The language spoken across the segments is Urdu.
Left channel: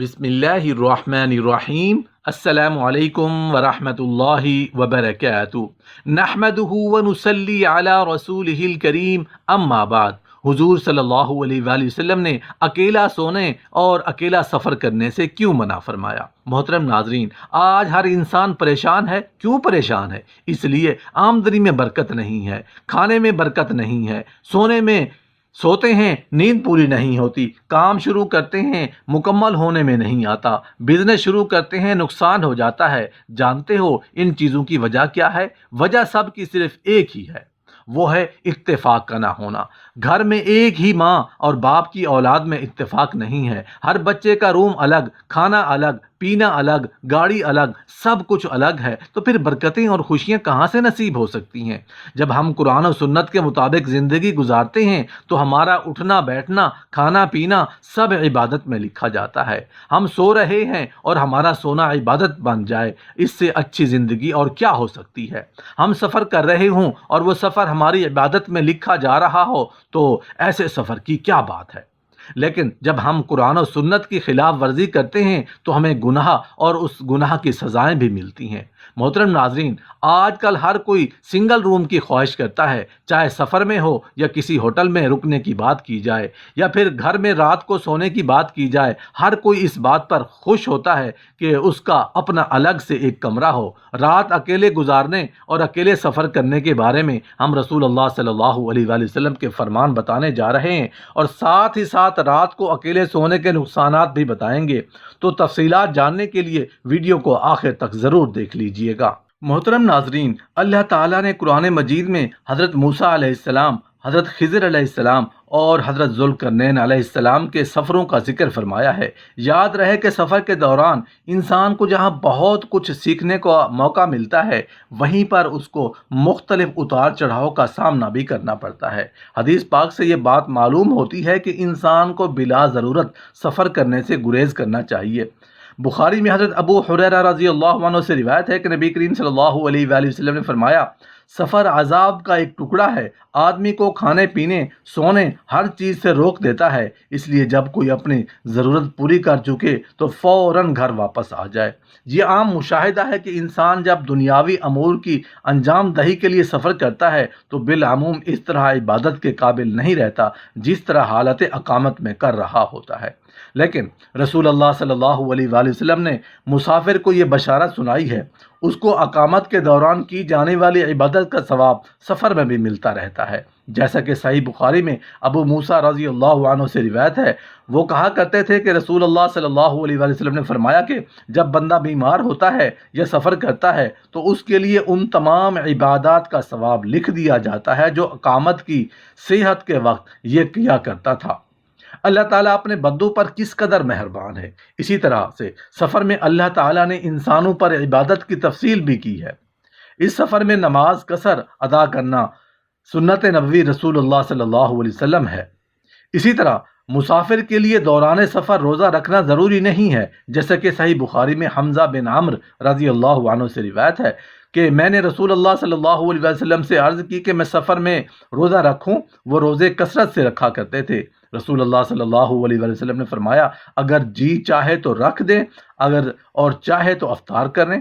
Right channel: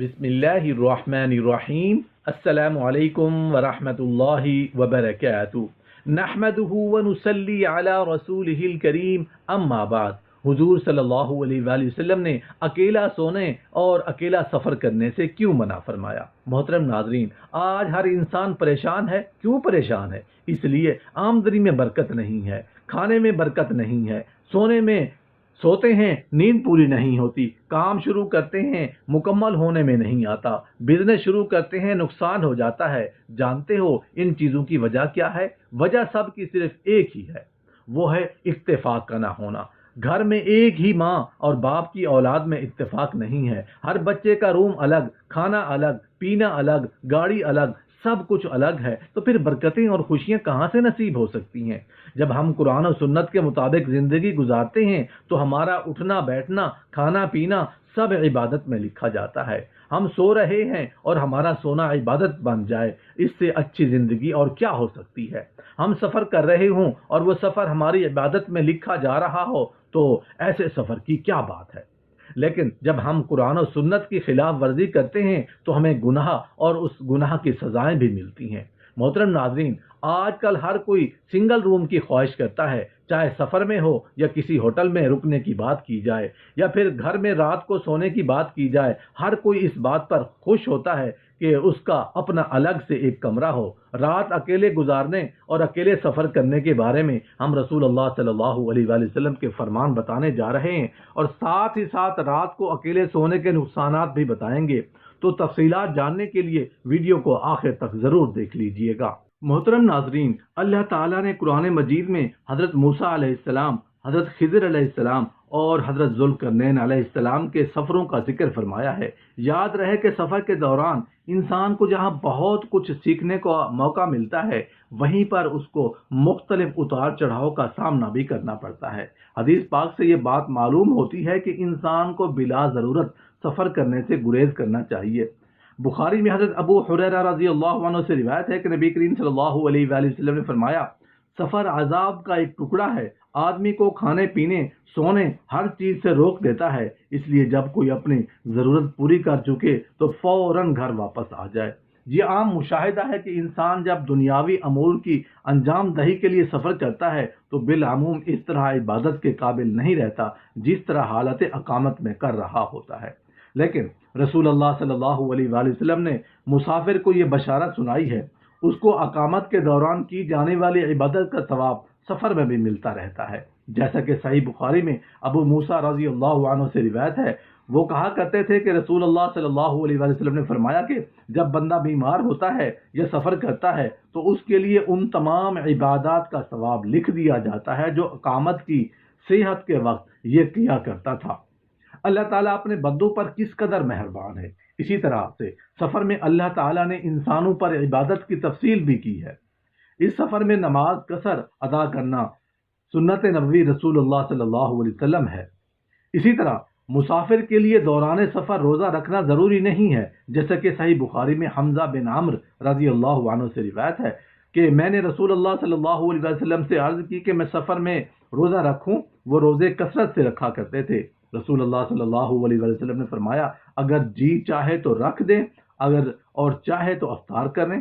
بسم اللہ الرحمن الرحیم۔ السلام علیکم ورحمۃ اللہ وبرکاتہ۔ نحمدہ ونصلی علی رسولہ الکریم، اما بعد۔ حضور صلی اللہ علیہ وآلہ وسلم نے اکیلا سونے اور اکیلا سفر کرنے سے کیوں منع فرمایا؟ محترم ناظرین، آج ہر انسان پریشان ہے۔ کیوں پریشان ہے؟ اس لیے آمدنی میں برکت نہیں ہے، کھانے میں برکت نہیں ہے، سوتے ہیں نیند پوری نہیں ہوتی، کام شروع کرتے ہیں مکمل ہونے میں نہیں آتا، بزنس شروع کرتے ہیں نقصان ہو جاتا ہے۔ جانتے ہو ان چیزوں کی وجہ کیا ہے؟ وجہ سب کی صرف ایک ہی ہے، وہ ہے اتفاق کا نہ ہونا۔ گھر میں ایک ہی ماں اور باپ کی اولاد میں اتفاق نہیں ہے۔ ہر بچے کا روم الگ، کھانا الگ، پینا الگ، گاڑی الگ، سب کچھ الگ ہے، تو پھر برکتیں اور خوشیاں کہاں سے نصیب ہو سکتی ہیں؟ جب ہم قرآن و سنت کے مطابق زندگی گزارتے ہیں تو ہمارا اٹھنا بیٹھنا، کھانا پینا سب عبادت میں لکھا جاتا ہے۔ ہم سو رہے ہیں اور ہمارا سونا عبادت بن جائے، اس سے اچھی زندگی اور کیا ہو سکتی ہے؟ ہم سفر کر رہے ہوں اور وہ سفر ہماری عبادت میں لکھا جا رہا ہو تو ایسے سفر کی کیا بات ہے؟ لیکن جب ہم قرآن و سنت کی خلاف ورزی کرتے ہیں تو ہمیں گناہ اور اس گناہ کی سزائیں بھی ملتی ہیں۔ محترم ناظرین، آج کل ہر کوئی سنگل روم کی خواہش کرتا ہے، چاہے سفر میں ہو یا کسی ہوٹل میں رکنے کی بات کی جائے یا پھر گھر میں رات کو سونے کی بات کی جائے۔ ہر کوئی اس بات پر خوش ہوتا ہے کہ اس کا اپنا الگ سے ایک کمرہ ہو۔ رات اکیلے گزارنے اور اکیلے سفر کرنے کے بارے میں ہم رسول اللہ صلی اللہ علیہ وآلہ وسلم کے فرمان بتانے جا رہے ہیں، اور ساتھ ہی ساتھ رات کو اکیلے سونے کے نقصانات بھی بتائیں گے۔ تو تفصیلات جاننے کے لیے ویڈیو کو آخر تک ضرور دیکھ لیجئے گا۔ محترم ناظرین، اللہ تعالیٰ نے قرآن مجید میں حضرت موسیٰ علیہ السلام، حضرت خضر علیہ السلام اور حضرت ذوالقرنین علیہ السلام کے سفروں کا ذکر فرمایا ہے۔ یاد رہے کہ سفر کے دوران انسان کو جہاں بہت کچھ سیکھنے کا موقع ملتا ہے، وہیں پر اس کو مختلف اتار چڑھاؤ کا سامنا بھی کرنا پڑتا ہے۔ حدیث پاک سے یہ بات معلوم ہوتی ہے کہ انسان کو بلا ضرورت سفر کرنے سے گریز کرنا چاہیے۔ بخاری میں حضرت ابو ہریرہ رضی اللہ عنہ سے روایت ہے کہ نبی کریم صلی اللہ علیہ وآلہ وسلم نے فرمایا، سفر عذاب کا ایک ٹکڑا ہے، آدمی کو کھانے پینے، سونے، ہر چیز سے روک دیتا ہے، اس لیے جب کوئی اپنی ضرورت پوری کر چکے تو فوراً گھر واپس آ جائے۔ یہ عام مشاہدہ ہے کہ انسان جب دنیاوی امور کی انجام دہی کے لیے سفر کرتا ہے تو بالعموم اس طرح عبادت کے قابل نہیں رہتا جس طرح حالت اقامت میں کر رہا ہوتا ہے۔ لیکن رسول اللہ صلی اللہ علیہ وآلہ وسلم نے مسافر کو یہ بشارت سنائی ہے، اس کو اقامت کے دوران کی جانے والی عبادت کا ثواب سفر میں بھی ملتا رہتا ہے۔ جیسا کہ صحیح بخاری میں ابو موسیٰ رضی اللہ عنہ سے روایت ہے، وہ کہا کرتے تھے کہ رسول اللہ صلی اللہ علیہ وآلہ وسلم نے فرمایا کہ جب بندہ بیمار ہوتا ہے یا سفر کرتا ہے تو اس کے لیے ان تمام عبادات کا ثواب لکھ دیا جاتا ہے جو اقامت کی صحت کے وقت یہ کیا کرتا تھا۔ اللہ تعالیٰ اپنے بندوں پر کس قدر مہربان ہے۔ اسی طرح سے سفر میں اللہ تعالیٰ نے انسانوں پر عبادت کی تفصیل بھی کی ہے۔ اس سفر میں نماز قصر ادا کرنا سنت نبوی رسول اللہ صلی اللہ علیہ وسلم ہے۔ اسی طرح مسافر کے لیے دوران سفر روزہ رکھنا ضروری نہیں ہے، جیسا کہ صحیح بخاری میں حمزہ بن عمرو رضی اللہ عنہ سے روایت ہے کہ میں نے رسول اللہ صلی اللہ علیہ وسلم سے عرض کی کہ میں سفر میں روزہ رکھوں۔ وہ روزے کثرت سے رکھا کرتے تھے۔ رسول اللہ صلی اللہ علیہ وسلم نے فرمایا، اگر جی چاہے تو رکھ دیں، اگر اور چاہے تو افطار کریں۔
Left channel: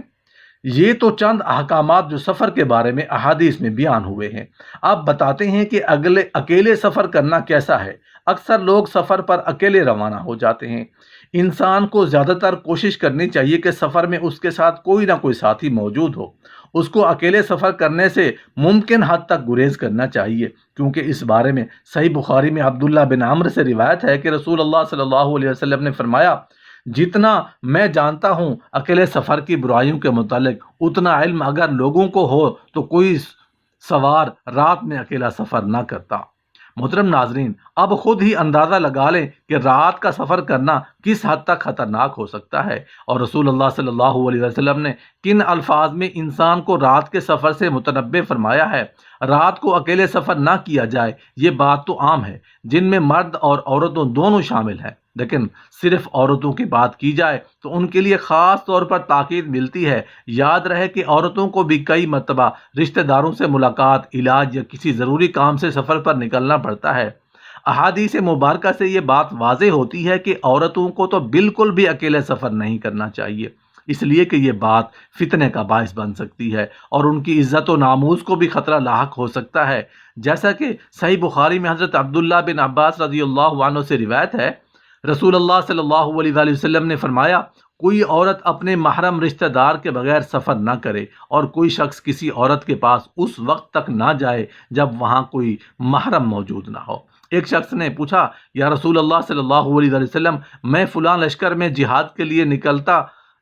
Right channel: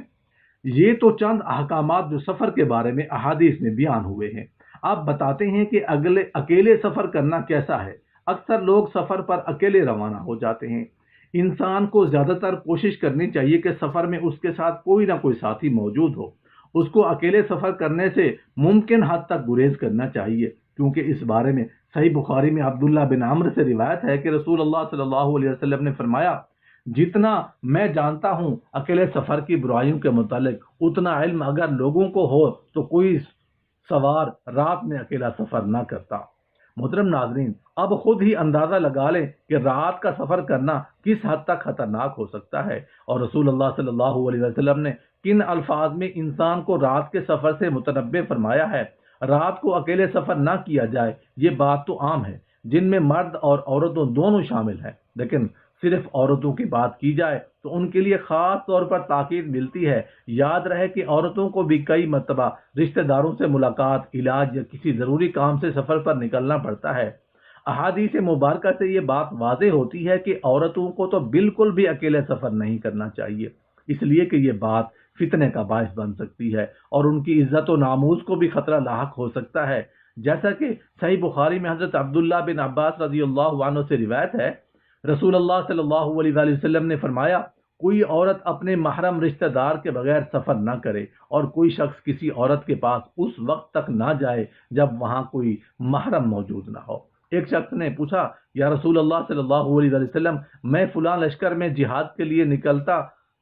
یہ تو چند احکامات جو سفر کے بارے میں احادیث میں بیان ہوئے ہیں۔ اب بتاتے ہیں کہ اکیلے سفر کرنا کیسا ہے۔ اکثر لوگ سفر پر اکیلے روانہ ہو جاتے ہیں۔ انسان کو زیادہ تر کوشش کرنی چاہیے کہ سفر میں اس کے ساتھ کوئی نہ کوئی ساتھی موجود ہو۔ اس کو اکیلے سفر کرنے سے ممکن حد تک گریز کرنا چاہیے، کیونکہ اس بارے میں صحیح بخاری میں عبداللہ بن عمرو سے روایت ہے کہ رسول اللہ صلی اللہ علیہ وسلم نے فرمایا، جتنا میں جانتا ہوں اکیلے سفر کی برائیوں کے متعلق، اتنا علم اگر لوگوں کو ہو تو کوئی سوار رات میں اکیلا سفر نہ کرتا۔ محترم ناظرین، اب خود ہی اندازہ لگا لیں کہ رات کا سفر کرنا کس حد تک خطرناک ہو سکتا ہے، اور رسول اللہ صلی اللہ علیہ وسلم نے کن الفاظ میں انسان کو رات کے سفر سے متنبہ فرمایا ہے۔ رات کو اکیلے سفر نہ کیا جائے، یہ بات تو عام ہے، جن میں مرد اور عورتوں دونوں شامل ہیں، لیکن صرف عورتوں کی بات کی جائے تو ان کے لیے خاص طور پر تاکید ملتی ہے۔ یاد رہے کہ عورتوں کو بھی کئی مرتبہ رشتہ داروں سے ملاقات، علاج یا کسی ضروری کام سے سفر پر نکلنا پڑتا ہے۔ احادیث مبارکہ سے یہ بات واضح ہوتی ہے کہ عورتوں کو تو بالکل بھی اکیلے سفر نہیں کرنا چاہیے، اس لیے کہ یہ بات فتنے کا باعث بن سکتی ہے اور ان کی عزت و ناموس کو بھی خطرہ لاحق ہو سکتا ہے۔ جیسا کہ صحیح بخاری میں حضرت عبداللہ بن عباس رضی اللہ عنہ سے روایت ہے، رسول اللہ صلی اللہ علیہ وآلہ وسلم نے فرمایا، کوئی عورت اپنے محرم رشتہ دار کے بغیر سفر نہ کرے، اور کوئی شخص کسی عورت کے پاس اس وقت تک نہ جائے جب وہاں کوئی محرم موجود نہ ہو۔ ایک شخص نے پوچھا، یا رسول اللہ صلی اللہ علیہ وآلہ وسلم، میں فلاں لشکر میں جہاد کے لیے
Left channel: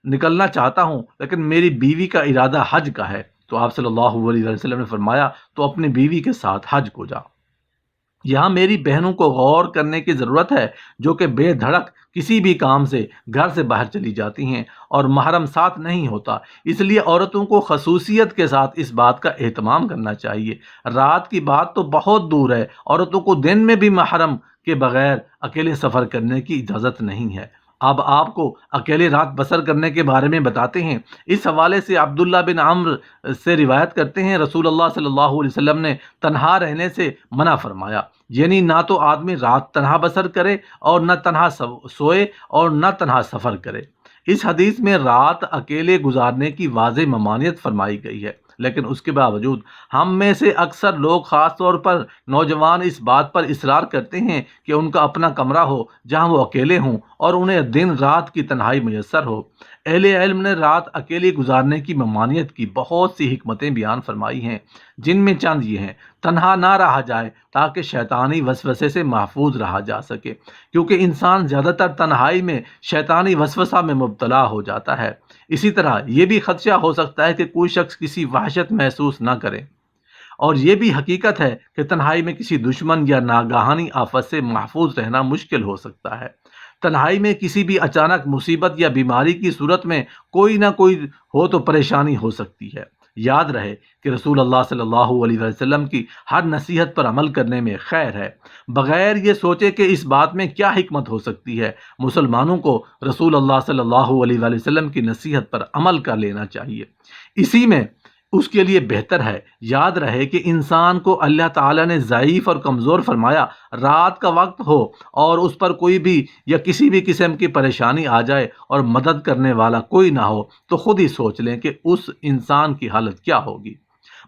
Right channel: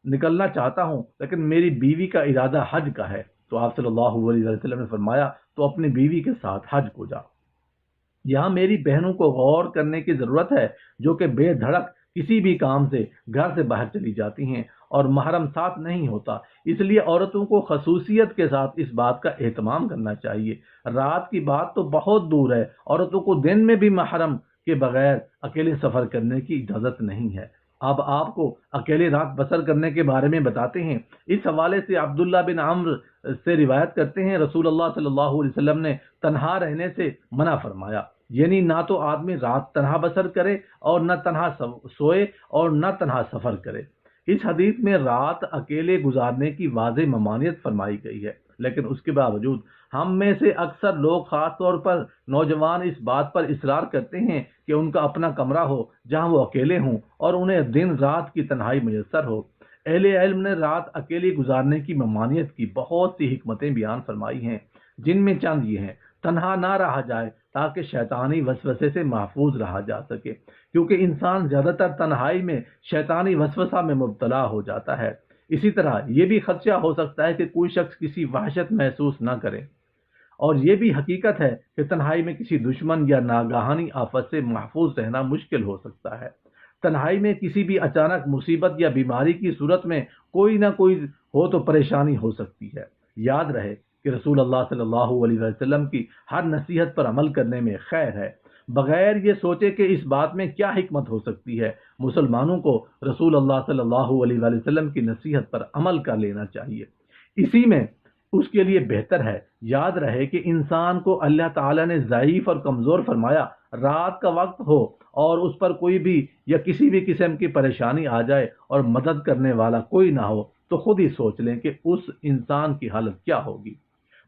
نکلنا چاہتا ہوں، لیکن میری بیوی کا ارادہ حج کا ہے۔ تو آپ صلی اللہ علیہ وسلم نے فرمایا، تو اپنی بیوی کے ساتھ حج کو جا۔ یہاں میری بہنوں کو غور کرنے کی ضرورت ہے، جو کہ بے دھڑک کسی بھی کام سے گھر سے باہر چلی جاتی ہیں اور محرم ساتھ نہیں ہوتا، اس لیے عورتوں کو خصوصیت کے ساتھ اس بات کا اہتمام کرنا چاہیے۔ رات کی بات تو بہت دور ہے، عورتوں کو دن میں بھی محرم کے بغیر اکیلے سفر کرنے کی اجازت نہیں ہے۔ اب آپ کو اکیلے رات بسر کرنے کے بارے میں بتاتے ہیں۔ اس حوالے سے عبداللہ بن عمرو سے روایت کرتے ہیں، رسول اللہ صلی اللہ علیہ وسلم نے تنہا رہنے سے منع فرمایا، یعنی نہ تو آدمی رات تنہا بسر کرے اور نہ تنہا سوئے اور نہ تنہا سفر کرے۔ اس حدیث میں رات اکیلے گزارنے کی واضح ممانعت فرمائی گئی ہے، لیکن اس کے باوجود ہم میں سے اکثر لوگ، خاص طور پر نوجوان، اس بات پر اصرار کرتے ہیں کہ ان کا اپنا کمرہ ہو جہاں وہ اکیلے ہوں اور انہیں دن رات کی تنہائی میسر ہو۔ اہل علم نے رات اکیلے گزارنے کی ممانعت کی بہت سی حکمتیں بیان فرمائی ہیں، جن میں چند یہ ہیں: تنہا نہ رہا جائے تاکہ شیطانی وسوسے سے محفوظ رہا جا سکے، کیونکہ انسان زیادہ تر تنہائی میں شیطانی وسوسہ میں مبتلا ہو جاتا ہے۔ اسی طرح یہ بھی خدشہ ہو سکتا ہے کہ کوئی شخص کسی وحشت محسوس نہ کرے، اور یہ بھی حقیقت ہے کہ تنہائی میں کسی دشمن یا ناگہانی آفت سے محفوظ رہنا مشکل ہو سکتا ہے۔ تنہائی میں کسی بھی اچانک مصیبت یا بیماری کی صورت میں کوئی نہ کوئی ہو تو پریشانی ہو سکتی ہے۔ یاد رہے کہ رسول اللہ صلی اللہ علیہ وسلم کی ہر نصیحت پر عمل کرنے میں خیر ہے، بغیر یہ سوچے کہ اس بات میں کیا حکمت ہو سکتی ہے۔ مسلمانوں کو رسول اللہ صلی اللہ علیہ وسلم کی نصیحت پر عمل کر لینا چاہیے، اسی میں اس کے لیے بہتر ہے۔ یاد رہے کہ انسان کو اللہ تعالیٰ نے ضعیف اور کمزور فرمایا۔ رات کا وقت ہو اور اس پر کوئی بھی یا کسی بھی قسم کی پریشانی آ جائے اور مدد کرنے والا کوئی نہ ہو، تو خود ہی سوچ لیں کہ اس انسان کی حالت کیا ہوگی۔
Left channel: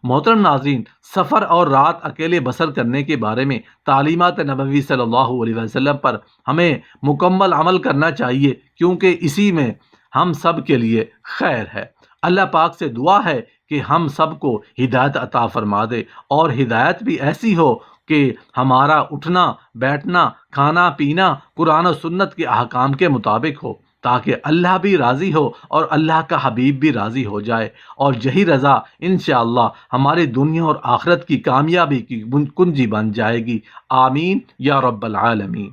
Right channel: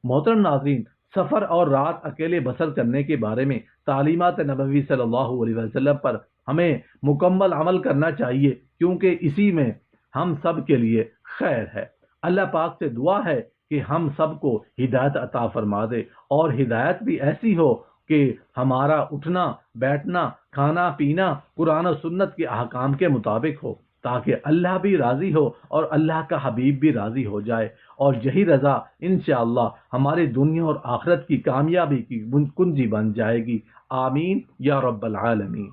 محترم ناظرین، سفر اور رات اکیلے بسر کرنے کے بارے میں تعلیمات نبوی صلی اللہ علیہ وسلم پر ہمیں مکمل عمل کرنا چاہیے، کیونکہ اسی میں ہم سب کے لیے خیر ہے۔ اللہ پاک سے دعا ہے کہ ہم سب کو ہدایت عطا فرما دے، اور ہدایت بھی ایسی ہو کہ ہمارا اٹھنا بیٹھنا کھانا پینا قرآن و سنت کے احکام کے مطابق ہو، تاکہ اللہ بھی راضی ہو اور اللہ کا حبیب بھی راضی ہو جائے، اور یہی رضا انشاءاللہ ہماری دنیا اور آخرت کی کامیابی کی کنجی بن جائے گی۔ آمین یا رب العالمین۔